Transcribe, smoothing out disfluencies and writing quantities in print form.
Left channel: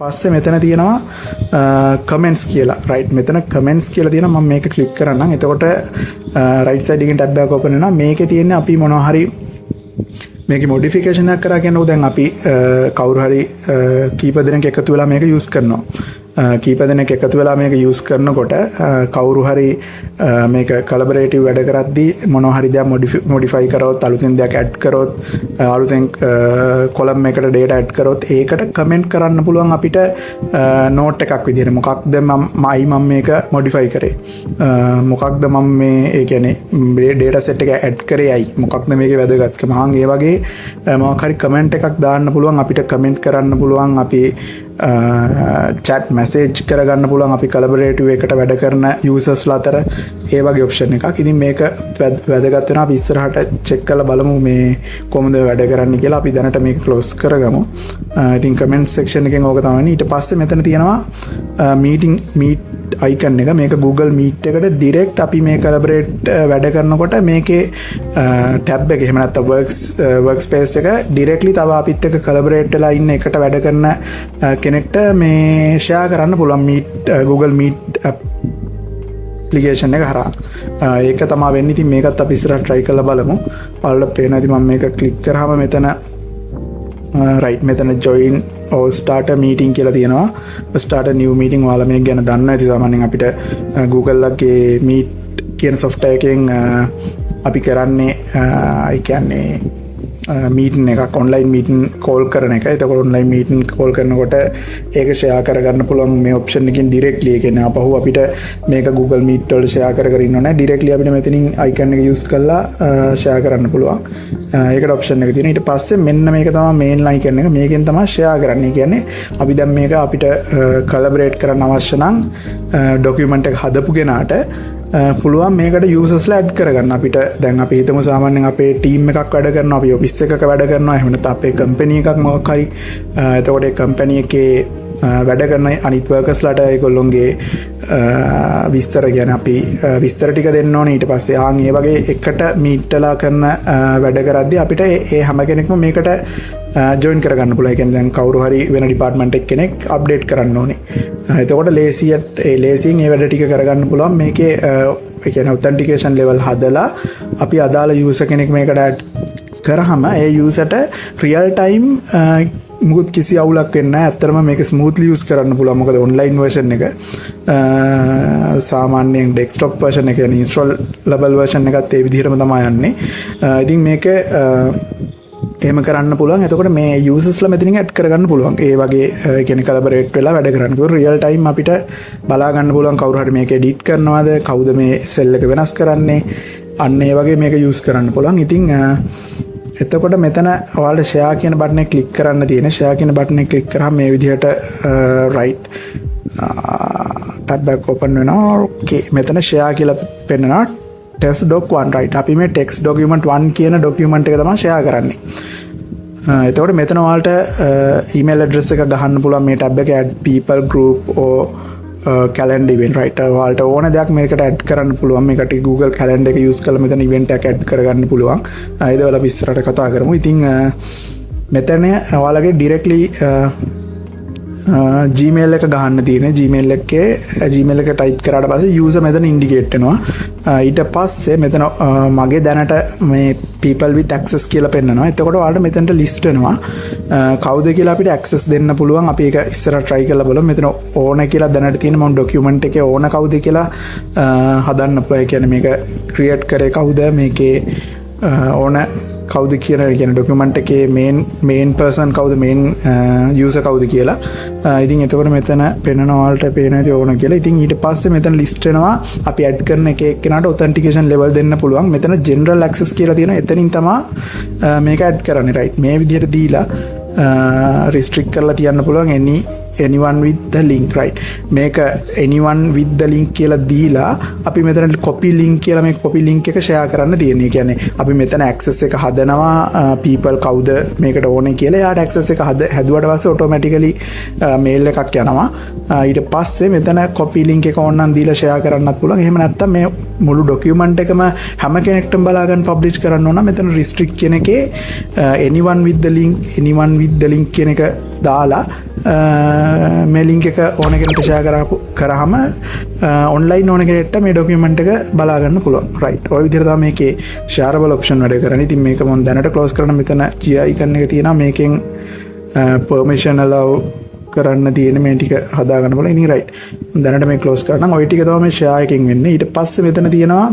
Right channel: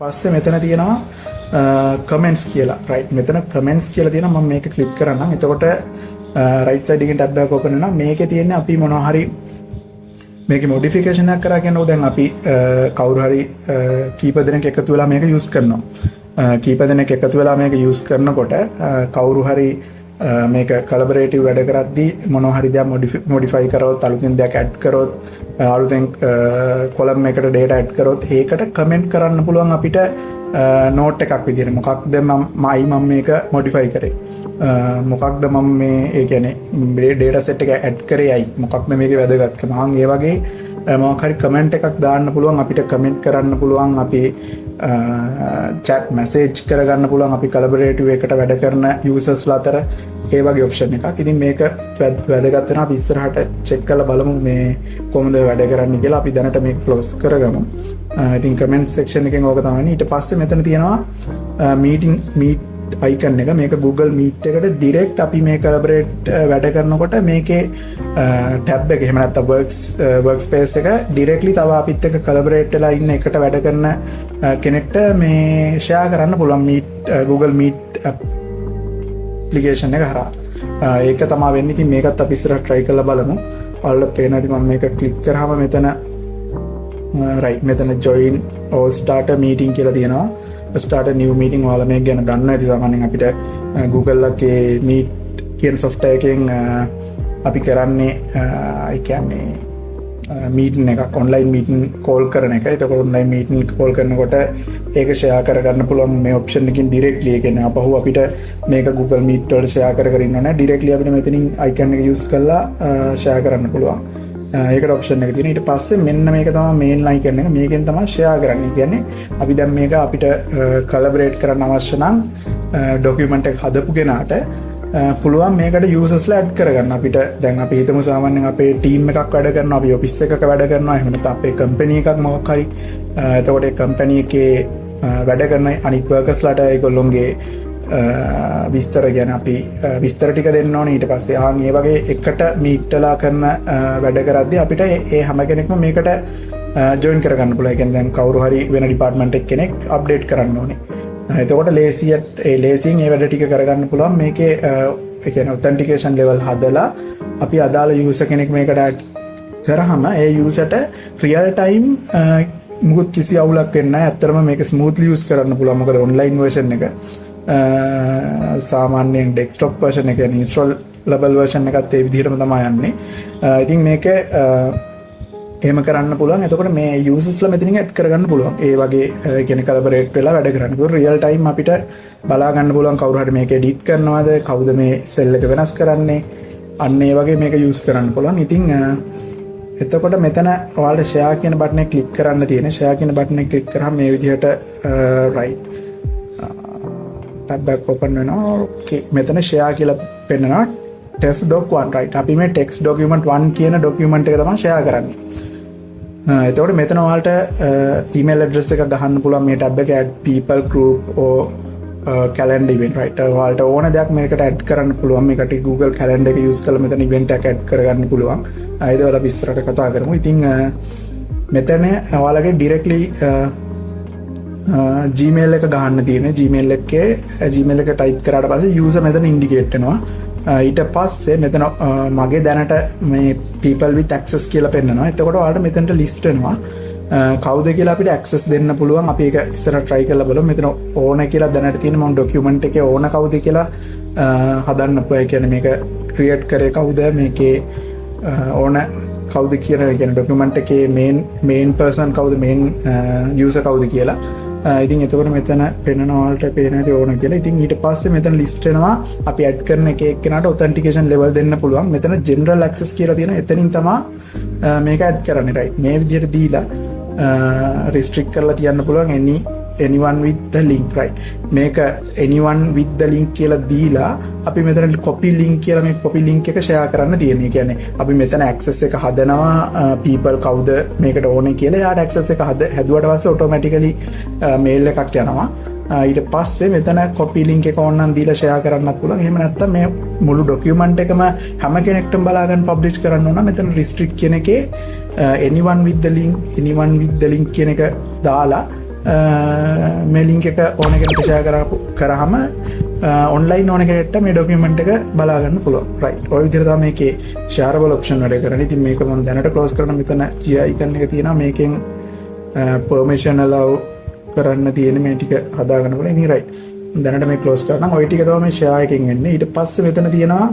පස්සේ මෙතන තියෙනවා කමෙන්ට්ස් කියලා. රයිට් මෙතන කමෙන්ට්ස් කියලා තියෙනවා. මම මේක ක්ලික් කරන්නම්. එතකොට රයිට් සයිඩ් එකෙන් ටැබ් එකක් ඕපන් වෙනවා. මේකේ තියෙන්නේ අපි මොනවා හරි මේකේ මොඩිෆිකේෂන් එකක් කරා කියන්නේ දැන් අපි කවුරු හරි කීප දෙනෙක් එකතු වෙලා මේක යූස් කරනවා. කීප දෙනෙක් එකතු වෙලා මේක යූස් කරනකොට කවුරු හරි මේක කොලැබොරේටිව් වැඩ කරද්දී මොනවා හරි දෙයක් මොඩිෆයි කරොත් අලුතෙන් දෙයක් ඇඩ් කරොත් අලුතෙන් කොලම් එකට ඩේටා ඇඩ් කරොත් ඒකට කමෙන්ට් කරන්න පුළුවන් අපිට නෝට් එකක් විදිහට මොකක්ද මම මේක මොඩිෆයි කරේ මොකක්ද මම මේ ඒ කියන්නේ ඩේටා සෙට් එක ඇඩ් කරේ අයි මොකක්ද මේකේ වැදගත්කම ඒ වගේ මොකක් හරි කමෙන්ට් එකක් දාන්න පුළුවන් අපිට කමෙන්ට් කරන්න පුළුවන් අපි chat message කරගන්න පුළුවන් අපි කොලැබොරේටිව් එකට වැඩ කරන users අතර ඒ වගේ ඔප්ෂන් එකක්. ඉතින් මේක වැදගත් වෙනවා අපි ඉස්සරහට චෙක් කරලා බලමු මේ කොහොමද වැඩ කරන්නේ කියලා. අපි දැනට මේක ක්ලෝස් කරගමු. ඉතින් comment section එකෙන් ඕක තමයි. ඊට පස්සේ මෙතන තියෙනවා meet icon එක. මේක Google Meet එකට direct අපි මේ collaborate වැඩ කරනකොට මේකේ tab එක එහෙම නැත්නම් workspace එක directly තව අපිත් එක්ක collaborate වෙලා ඉන්න එකට වැඩ කරන කෙනෙක්ට මේ share කරන්න පුළුවන් Google Meet application එක හරහා. ඒක තමයි වෙන්නේ. ඉතින් මේකත් අපි ඉස්සරහ try කරලා බලමු. ඔයාලට පේනවා ඉතින් මම මේක click කරාම මෙතන right මෙතන join or start a meeting කියලා තියෙනවා. start a new meeting ඔයාලා මේක ගැන දන්නවා. ඉතින් සාමාන්‍යයෙන් අපිට Google එකේ Meet කියන software එකෙන් අපි කරන්නේ ඒ කියන්නේ මීටින් එකක් ඔන්ලයින් මීටින් කෝල් කරන එක. එතකොට ඔන්ලයින් මීටින් කෝල් කරනකොට ඒක ෂෙයා කරගන්න පුළුවන් මේ ඔප්ෂන් එකකින් ඩිරෙක්ට්ලි. ඒ කියන්නේ අපහුව අපිට මේක Google Meet වල ෂෙයා කර ඉන්න ඕනේ. ඩිරෙක්ට්ලි අපිට මෙතනින් අයිකන් එක යූස් කරලා ෂෙයා කරන්න පුළුවන්. ඒකට ඔප්ෂන් එක තියෙනවා. ඊට පස්සේ මෙන්න මේක තමයි මේන් අයිකන් එක. මේකෙන් තමයි ෂෙයා කරන්නේ. කියන්නේ අපි දැන් මේක අපිට කොලැබොරේට් කරන්න අවශ්‍ය නම් ડોකියුමන්ට් එක හදපු කෙනාට පුළුවන් මේකට යූසර්ස්ලා ඇඩ් කරගන්න. අපිට දැන් අපි හිතමු සාමාන්‍යයෙන් අපේ ටීම් එකක් වැඩ කරනවා, අපි ඔෆිස් එකක වැඩ කරනවා, එහෙම නැත්නම් අපේ කම්පැනි එකක් මොකක් හරි. එතකොට ඒ කම්පැනි එකේ වැඩ කරන අනිත් වර්කර්ස්ලාට ඒගොල්ලොන්ගේ විස්තර ගැන අපි විස්තර ටික දෙන්න ඕනේ. ඊට පස්සේ ඒ වගේ එකට මීට්ටලා කරන වැඩ කරද්දී අපිට ඒ හැම කෙනෙක්ම මේකට ජොයින් කරගන්න පුළුවන්. ඒ කියන්නේ දැන් කවුරු හරි වෙන ඩිපාර්ට්මන්ට් එක කෙනෙක් අප්ඩේට් කරන්න ඕනේ. එතකොට ලේසියෙන් ඒ වැඩ ටික කරගන්න පුළුවන්. මේකේ ඒ කියන්නේ ඔතෙන්ටිකේෂන් ලෙවල් හදලා අපි අදාළ යූසර් කෙනෙක් මේකට ඇඩ් කරාම ඒ යූසර්ට රියල් ටයිම් මුකුත් කිසි අවුලක් වෙන්නේ නැහැ. ඇත්තටම මේක ස්මූත්ලි යූස් කරන්න පුළුවන්. මොකද ඔන්ලයින් වර්ෂන් එක සාමාන්‍යයෙන් ඩෙස්ක්ටොප් වර්ෂන් එක يعني ඉන්ස්ටෝලබල් වර්ෂන් එකත් ඒ විදිහටම තමයි යන්නේ. ඉතින් මේක එහෙම කරන්න පුළුවන්. එතකොට මේ යූසර්ස්ලා මෙතනින් ඇඩ් කරගන්න පුළුවන්. ඒ වගේ කියන්නේ කොලැබොරේට් වෙලා වැඩ කරන්න. ඒක රියල් ටයිම් අපිට බලා ගන්න පුළුවන් කවුරු හරි මේක එඩිට් කරනවාද, කවුද මේ සෙල් එක වෙනස් කරන්නේ. අන්න ඒ වගේ මේක යූස් කරන්න පුළුවන්. ඉතින් එතකොට මෙතන ඔයාලට ෂෙයා කියන බටන් එක ක්ලික් කරන්න තියෙන. ෂෙයා කියන බටන් එක ක්ලික් කරාම මේ විදිහට රයිට් ටැබ් එක ඕපන් වෙනවා. ඕකේ මෙතන ෂෙයා කියලා පෙන්නනවා. test doc 1 right. අපි මේ text document 1 කියන document එක තමයි share කරන්නේ. එතකොට මෙතන ඔයාලට email address එක ගහන්න පුළුවන් මේ tab එකේ add people group or calendar event right. ඔයාලට ඕන දෙයක් මේකට add කරන්න පුළුවන්. මේකට Google calendar එක use කරලා මෙතන event එකක් add කරගන්න පුළුවන්. ඒකවල අපි ඉස්සරහට කතා කරමු. ඉතින් මෙතන ඔයාලගේ directly Gmail එක ගහන්න තියෙන. Gmail එක type කරාට පස්සේ user මෙතන indicate වෙනවා. ඊට පස්සේ මෙතන මගේ දැනට මේ people with access කියලා පෙන්නනවා. එතකොට ඔයාලට මෙතනට list වෙනවා කවුද කියලා අපිට access දෙන්න පුළුවන්. අපි ඒක ඉස්සරහ try කරලා බලමු. මෙතන ඕන කියලා දැනට තියෙන මම document එකේ ඕන කවුද කියලා හදන්න පුළුවන්. ඒ කියන්නේ මේක create කරේ කවුද, මේකේ ඕන කවුද කියන document එකේ main person කවුද, main user කවුද කියලා. ඉතින් එතකොට මෙතන පෙන්නන ඔයාලට පේනවා ඕන කියලා. ඉතින් ඊට පස්සේ මෙතන list වෙනවා අපි add කරන එක එක්කෙනාට authentication level දෙන්න පුළුවන්. මෙතන general access කියලා තියෙනවා. එතනින් තමයි මේක add කරන්නේ right. මේ විදිහට දීලා restrict කරලා තියන්න පුළුවන් anyone with the link right. මේක anyone with the link කියලා දීලා අපි මෙතන copy link කියලා මේ copy link එක share කරන්න තියෙනවා. කියන්නේ අපි මෙතන access එක හදනවා people කවුද මේකට ඕනේ කියලා. එයාට access එක හැදුවට පස්සේ automatically mail එකක් යනවා. ඊට පස්සේ මෙතන copy link එක ඕනනම් දීලා share කරන්නත් පුළුවන්. එහෙම නැත්නම් මේ මුළු document එකම හැම කෙනෙක්ටම බලා ගන්න publish කරන්න ඕන. මෙතන restrict කියන එකේ anyone with the link කියන එක දාලා මේ ලින්ක් එක ඕන කෙනෙකුට ෂෙයා කරාම ඔන්ලයින් ඕන කෙනෙක්ට මේ ඩොකියුමන්ට් එක බලා ගන්න පුළුවන්. රයිට්. ඔය විදිහට තමයි මේකේ ෂෙයාරබල් ඔප්ෂන් වැඩ කරන්නේ. ඉතින් මේක මම දැනට ක්ලෝස් කරන මෙතන GI icon එක තියෙනවා. මේකෙන් permission allow කරන්න තියෙන මේ ටික හදාගන්න පුළුවන්. ඉතින් රයිට්. දැනට මේ ක්ලෝස් කරනවා. ඔය ටික තමයි ෂෙයා එකෙන් වෙන්නේ. ඊට පස්සේ මෙතන තියෙනවා